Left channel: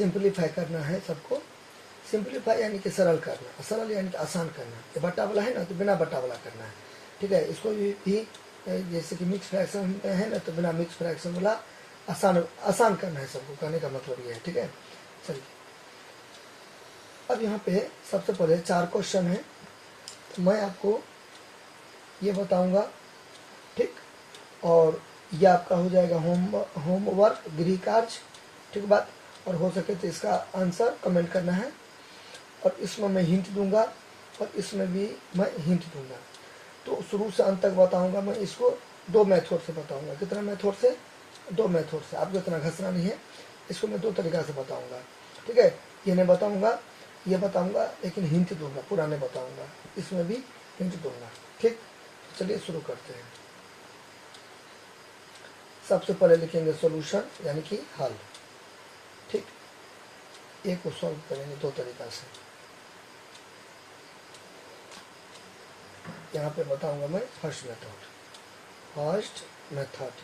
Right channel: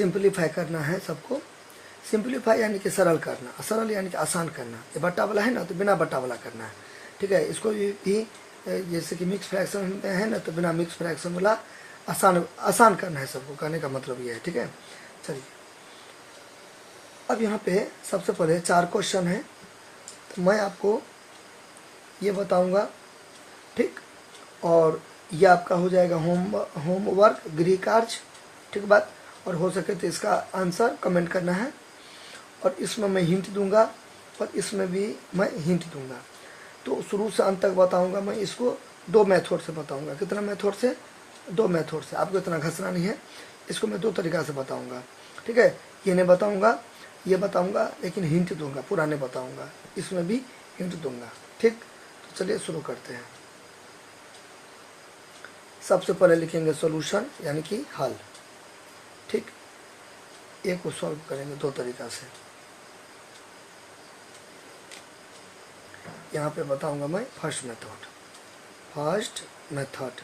Simplify करना है सबको। सिंपलीफाई यानी कि सरल करना, सरल यानी कि आसान करना। ये बट्टा वाला है ना तो बिना बट्टा वाला करना है, ठीक है। इसको भी जैसे कि मिक्स फ्रैक्शन है ना तो बिना मिक्स फ्रैक्शन वाला आसान करना है सबको, कहने का मतलब ये है, ठीक है। चलिए अब यहाँ पे सबसे पहले 4 क्वेश्चन है, तो मैं आपको ये बताऊंगा, ठीक। और ये आपका हो जाएगा होमवर्क, गृह कार्य, ठीक बात। और हो सके तो इसका आंसर कमेंट करना है। और इसमें मैं हिंट दूंगा और इसमें भी मैं हिंट दूंगा। तो शुरू से अंत तक बताऊंगा मैं इसको 2 मेथड से बताऊंगा। कितना मेथड से? 2 मेथड से। आपको इतना घसना नहीं है, इसको मैं 2 तरीका से बताऊंगा, ठीक है। ये नहीं बताऊंगा, ये बताऊंगा, लेकिन हिंट दूंगा, पूरा नहीं बताऊंगा, इसमें भी हिंट दूंगा, ठीक। तो चलिए शुरू करते हैं। सबसे पहले लिखेंगे सॉल्यूशन यानी कि हल, ठीक। एक को सॉल्व करेंगे 2 तरीका से। यहाँ पे बताऊंगा मैं फर्स्ट मेथड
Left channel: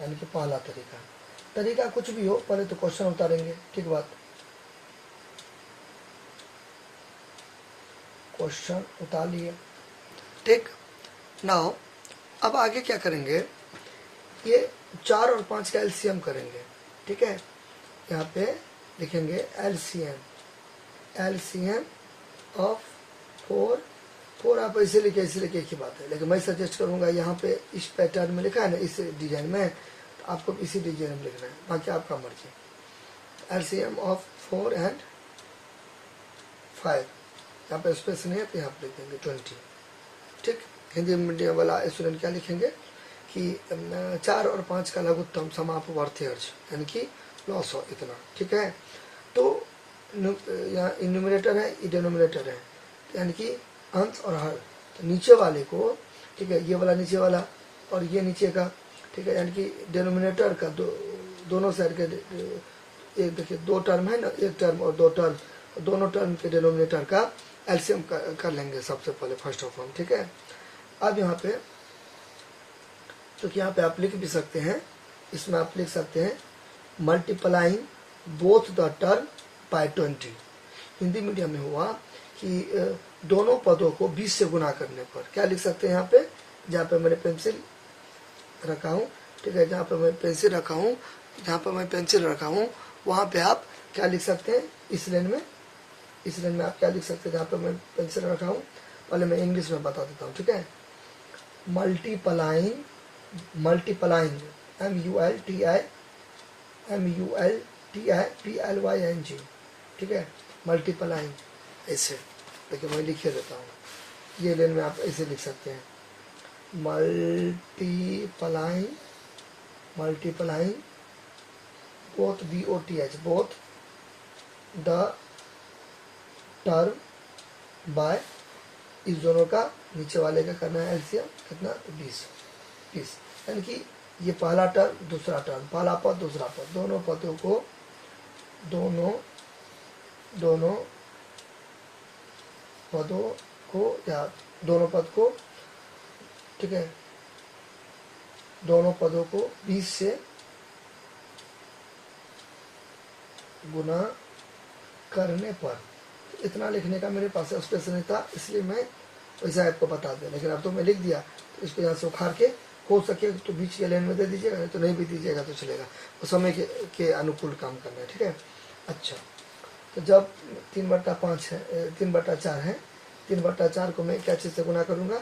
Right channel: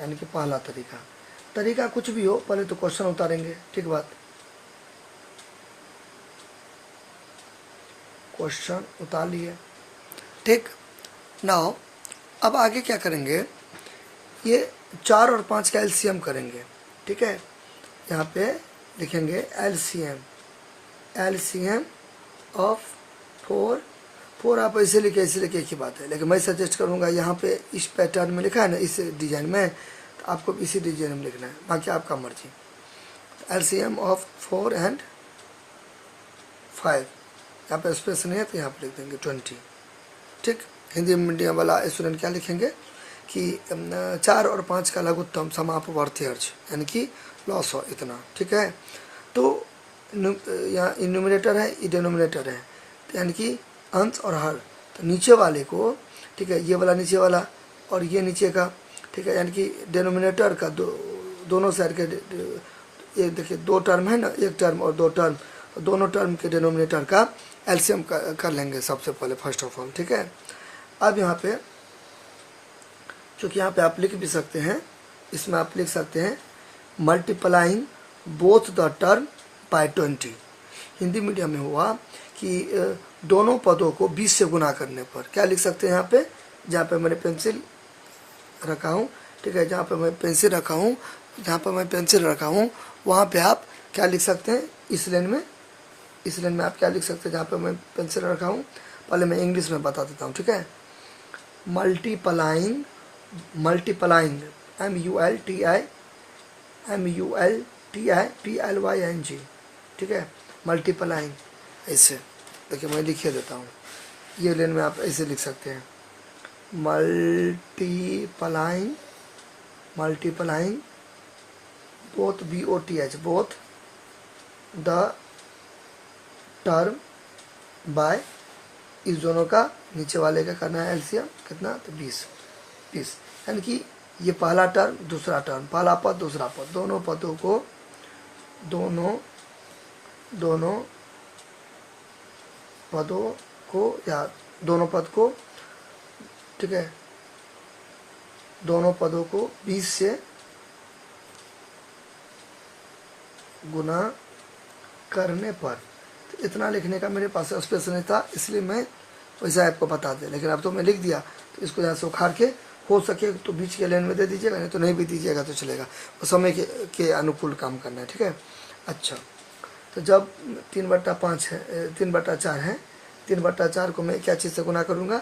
यानी कि पहला तरीका कुछ भी हो, पहले तो क्वेश्चन उतारेंगे, ठीक बात। क्वेश्चन उतार लिए, ठीक। नाउ अब आगे क्या करेंगे, ये 4 और 5 का एलसीएम करेंगे, ठीक है। यहाँ पे लिखेंगे एलसीएम ऑफ 4 आप ऐसे लिखे, ऐसे लिखे, एक ही बात है। लेकिन मैं सजेस्ट करूँगा यहाँ पे इस पैटर्न में लिखा है ना, इस डिजाइन में, तो आपको इसी डिजाइन में लिखना है, बाकी आपका मर्जी। एलसीएम ऑफ 4 और 5, यहाँ पे स्पेस नहीं है तो यहाँ पे लिख देंगे 20, ठीक। हिंदी मीडियम वाला स्टूडेंट क्या लिखेंगे कि 4 और 5 का लघुत्तम समापवर्ती अर्ज यानी कि लॉस हो इतना, ठीक है। तो यहाँ न्यूमरेटर है, ये डिनोमिनेटर है, यानी कि अंश और हर। तो नीचे वाले को, ठीक है, ये वाला नीचे वाला और ये नीचे का, ठीक है, यानी कि डिनोमिनेटर का दोनों साइड के, एक देखिए 2 टर्म है ना, 1 टर्म और 2 टर्म, दोनों टर्म के डिनोमिनेटर का एलसीएम कर लेंगे सबसे पहले, फर्स्ट ऑफ ऑल, ठीक है। अब यहाँ पे क्योंकि यहाँ पे आप लिख भी सकते हैं, इसमें आप लिख सकते हैं multiplying both the term by 20। Hindi medium में हुआ कि दोनों पदों को 20 से गुना करने पर क्या लिख सकते हैं, यहाँ पे जहाँ पे मैंने पेंसिल रखा हूँ, ठीक है, जहाँ पे मैं पेंसिल रखा हूँ वहाँ पे आप क्या लिख सकते हैं, इस लाइन में आप क्या लिख सकते हैं, जहाँ पे मैं पेंसिल रखा हूँ। पहले मैं इंग्लिश में बता देता हूँ, ठीक है। मल्टीप्लाइंग MULTIPLYING, ठीक है। मल्टीप्लाइंग ऐसे, देखिए मैं लिखिए देता हूँ, ये लाइन में आप ऐसे लिख सकते हैं, multiplying both BOTH both the term by, इस दोनों का नीचे वाले का करना है एलसीएम, कितना, तो 20, यानी कि ये पहला टर्म दूसरा टर्म, पहला पद दूसरा पद, दोनों पदों को या दोनों पद को, ठीक है, दोनों पदों को 20 से गुना करने पर। तो इतना लिखने का मेरे पास स्पेस नहीं था, इसलिए मैं वैसा आपको बता दें, लेकिन अब तो मैं लिख दिया। तो इसको यहाँ से उखाड़ के हो सके तो बीच के लाइन में दे दीजिएगा, नहीं तो नहीं भी दीजिएगा तो चलेगा, तो समय के अनुकूल काम करना है, ठीक है। अच्छा, तो जब 3/5 है, 3/4 है, 3/4 को मैं क्या चीज़ से गुना करूँगा,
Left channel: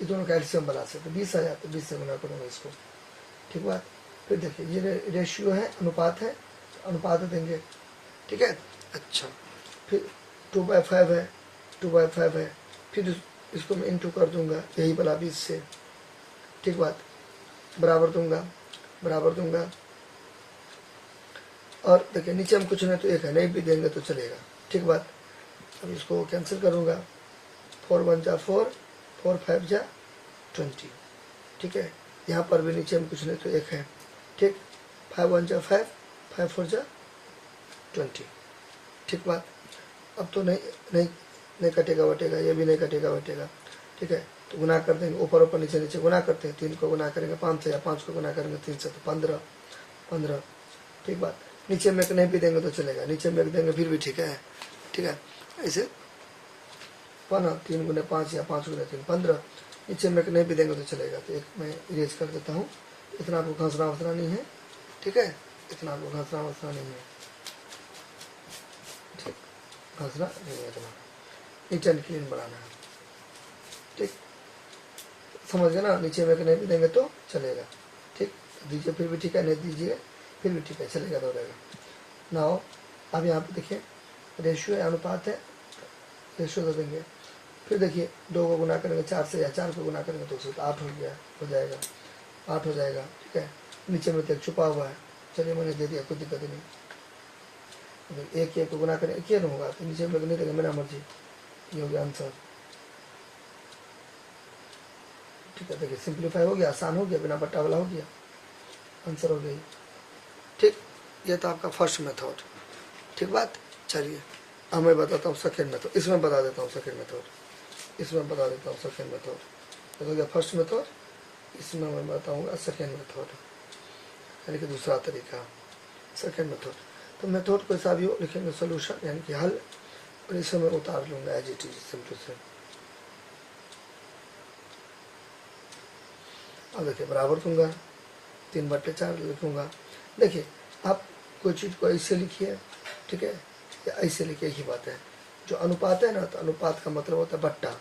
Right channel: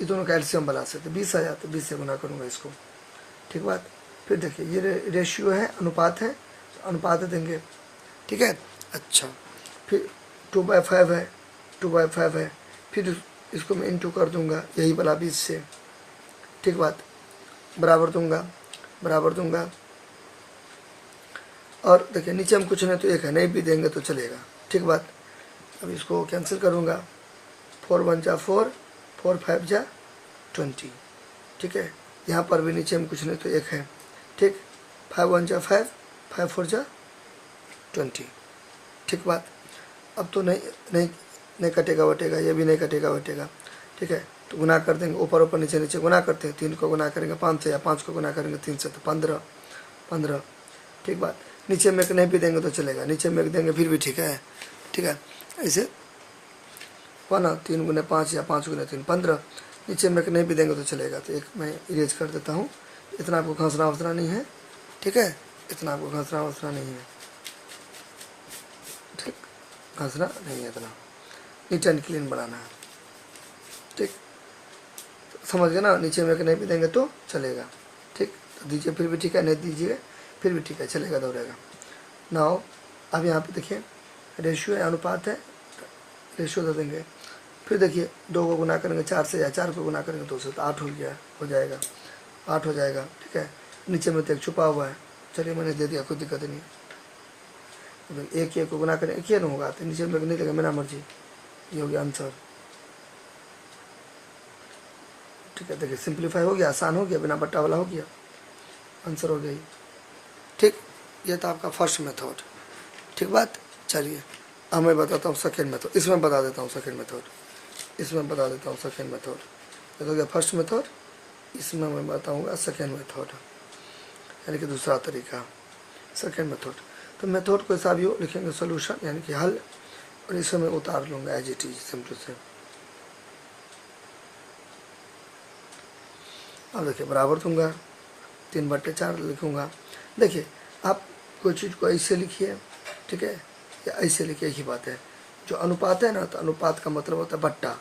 ये दोनों का एलसीएम बना से, तो 20 आ जाता, तो 20 से गुना करूँगा इसको, ठीक बात। फिर देखिए ये रेशियो है, अनुपात है, तो अनुपात देंगे, ठीक है। अच्छा, फिर 2/5 है, 2/5 है, फिर इसको मैं इंटू कर दूंगा यही वाला 20 से, ठीक बात, बराबर दूंगा। और देखिए नीचे में कुछ नहीं तो 1 है, नहीं भी देंगे तो चलेगा, ठीक बात। अब इसको कैंसिल करूंगा, 4 1 जा 4, 4 5 जा 20, ठीक है। यहाँ पर भी नीचे में कुछ नहीं तो 1 है, ठीक, 5 1 जा 5, 5 4 जा 20, ठीक बात। अब तो नहीं कटेगा वटेगा, ये भी नहीं कटेगा वटेगा, ठीक है। तो गुना कर देंगे, ऊपर नीचे गुना करते हैं, 3 को गुना करेंगे 5 से, या 5 को गुना करेंगे 3 से, तो 15, ठीक बात। नीचे में एक नहीं भी देंगे तो चलेगा, नीचे में एक देंगे फिर भी ठीक है, ठीक है। ऐसे 3 गुने 5 या 5 गुने 3 15, नीचे में एक नहीं भी देंगे तो चलेगा। तो एक मैं इरेज कर देता हूँ, इतना आपको घसना वसना नहीं है, ठीक है, इतना आपको घसना वसना नहीं है, ठीक, घसना नहीं है, इतना नीट एंड क्लीन बनाना है, ठीक, समझ गए ना। नीचे में एक नहीं भी देंगे तो चलेगा, ठीक, दीजिए फिर भी ठीक है, नहीं दीजिए फिर भी ठीक है, चलेगा, दौड़ेगा। नाउ अब यहाँ पे देखिए रेशियो है, अनुपात है, रेशियो दे देंगे। फिर देखिए 2 को गुना करेंगे 4 से या 4 को गुना करेंगे 2 से, तो 8 हो गया, हो जाएगा, 8 हो जाएगा, ठीक है। नीचे में तो एक छुपा हुआ है, चलिए मैंने दे दिया, कोई दिक्कत नहीं। एक को गुना करें, एक नहीं होगा तो नीचे में नहीं देगा, मेरा मर्जी, ये हो गया आंसर, ठीक है। देखिए सिंप्लीफाई हो गया, आसान हो गया, बिना बट्टा वाला हो गया, आंसर हो गई, ठीक। ये था आपका फर्स्ट मेथड, ठीक बात। चलिए अब मैं बताता हूँ सेकेंड मेथड, इसमें बता देता हूँ सेकेंड मेथड, इसमें बता देता हूँ सेकेंड मेथड। ये हो गया फर्स्ट मेथड, इसमें मैं बताऊँगा सेकेंड मेथड, यानी कि दूसरा तरीका, सेकेंड मेथड। तो मेथड को ऐसा भी लिखेंगे सोल्यूशन, यानी कि हल, और इसमें मैं उतार लूँगा एज इट इज सिंपल से। अब देखिए बराबर दूंगा, 3/4 लिखूँगा। देखिए आप कोई चीज़ को ऐसे लिखिए, ठीक है, या ऐसे लिखिए, एक ही बात है। जो अनुपात है ना, तो अनुपात का मतलब होता है बट्टा,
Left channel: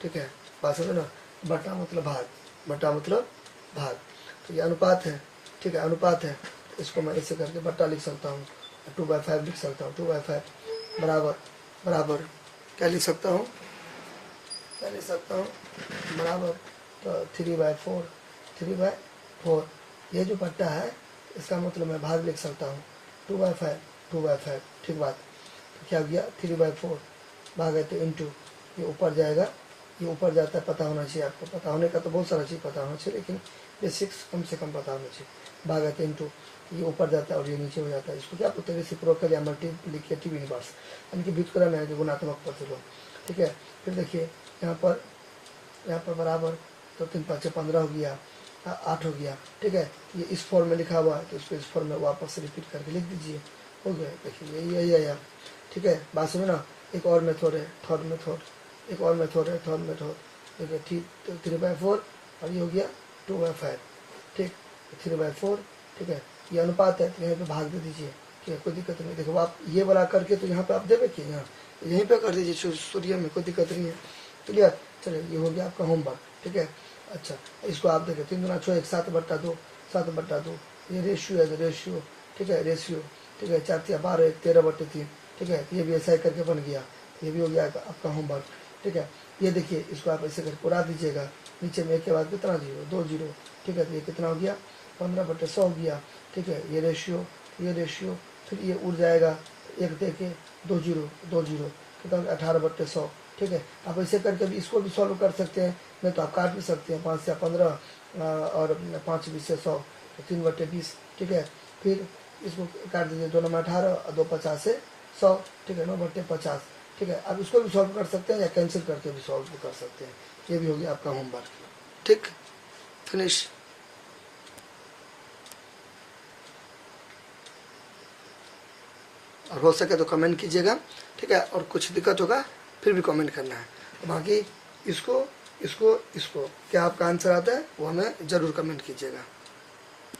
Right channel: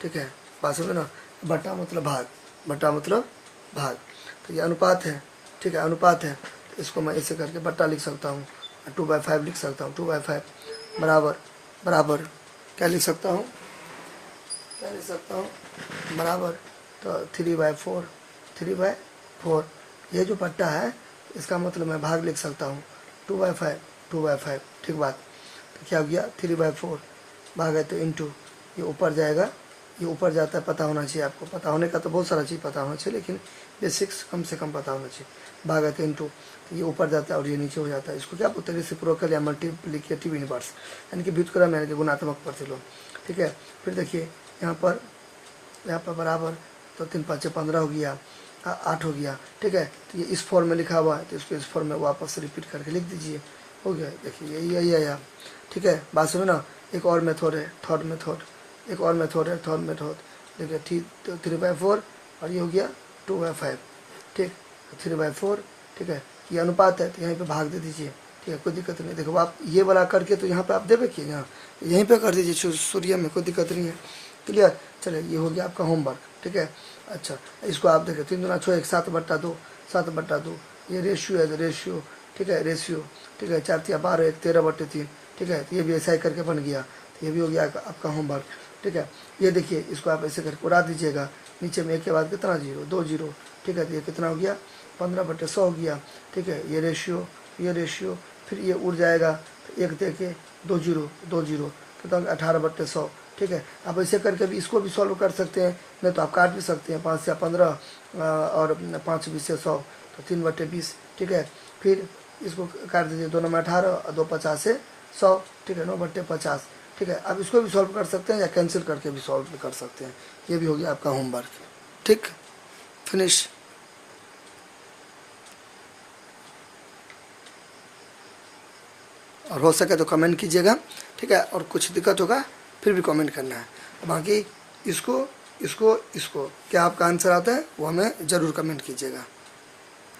ठीक है, बात समझे ना, बट्टा मतलब भाग, बट्टा मतलब भाग। तो ये अनुपात है, ठीक है, अनुपात है, इसको मैं ऐसे करके बट्टा लिख सकता हूँ, 2/5 लिख सकता हूँ, 2/5 बराबर, बराबर क्या लिख सकता हूँ, क्या लिख सकता हूँ, बराबर, तो 3/4, 3/4। ये जो बट्टा है इसका मतलब मैं भाग लिख सकता हूँ, 2/5, 2/5, ठीक बात। तो क्या हो गया, 3/4 भाग है तो इंटू, ये ऊपर जाएगा, ये ऊपर जाता है, पता होना चाहिए आपको, पता होने का तो बहुत सारा चीज़ पता होना चाहिए, लेकिन बेसिक्स कम से कम पता होना चाहिए। भाग है तो इंटू, ये ऊपर जाता है और ये नीचे हो जाता है, इसको क्या बोलते हैं, रेसिप्रोकल या मल्टीप्लिकेटिव इनवर्स, यानी कि व्युत्क्रम, यानी कि गुणात्मक प्रतिलोम, ठीक है। फिर देखिए यहाँ पर बराबर, तो 3×5 = 15 हो गया, 8 हो गया, ठीक है। तो ये इस फॉर्म में लिखा हुआ है, तो इसको इस फॉर्म में वापस रिपीट करके लिख दीजिए, हो गया। देखिए यही आया, ठीक है, बात सुनो ना। एक और मेथड है, थर्ड मेथड, एक और मेथड है, थर्ड मेथड, देखिए 3/4 और ये हो गया 2/5, ठीक, 3/4, ठीक है। ये अनुपात है तो यहीं पे भाग दे दीजिए, ठीक है, कोई दिक्कत नहीं। देखो आप ये वाला करके तो यहाँ पे आप देवे कि यहाँ यहीं पे कर दीजिए सूर्य में, कोई दिक्कत नहीं है, क्लियर। चलिए ये हो गया आपका होमवर्क, ठीक है। अच्छा इसको आप देखें, 3 दूना 6, 7/2, 7/2, ये रेशियो है, रेशियो, ठीक है, रेशियो, ठीक है। 4 × 12, 13/3, ठीक है। तो ये भी ऐसा ही करके बन गया, तो ये भी हो गया आपका होमवर्क, ठीक है। ये देखिए इसको आप ऐसे करके उड़ा दीजिएगा, नीचे में एक के बाद कितना 0, 2 0, ठीक है। तो ये कितना हो गया, 15/100 हो गया, ठीक है। ये रेशियो, ये रेशियो, फिर ये उड़ जाएगा, तो 1 दे के 2 0, 2 0, कितना 18/100, ठीक है। आप ऐसे करके भी इसको भी सॉल्व कर सकते हैं, नहीं तो आप काट भी सकते हैं, 5 से 15 और 5 20 से 100, तो 3/20, ठीक है। फिर इसको काट दीजिए, 2 9 18 और 2 50 से 100, ठीक है, 9/50, ठीक है। आप इसको भी सॉल्व कर सकते हैं या कैंसिल करके भी सॉल्व कर सकते हैं। ये भी हो गया आपका होमवर्क, ठीक, फिनिश। और हो सके तो कमेंट कीजिएगा, ठीक है, और कुछ दिक्कत होगा फिर भी कमेंट करना है। बाकी इसको क्या आपका आंसर आता है वो हमें ज़रूर कमेंट कीजिएगा।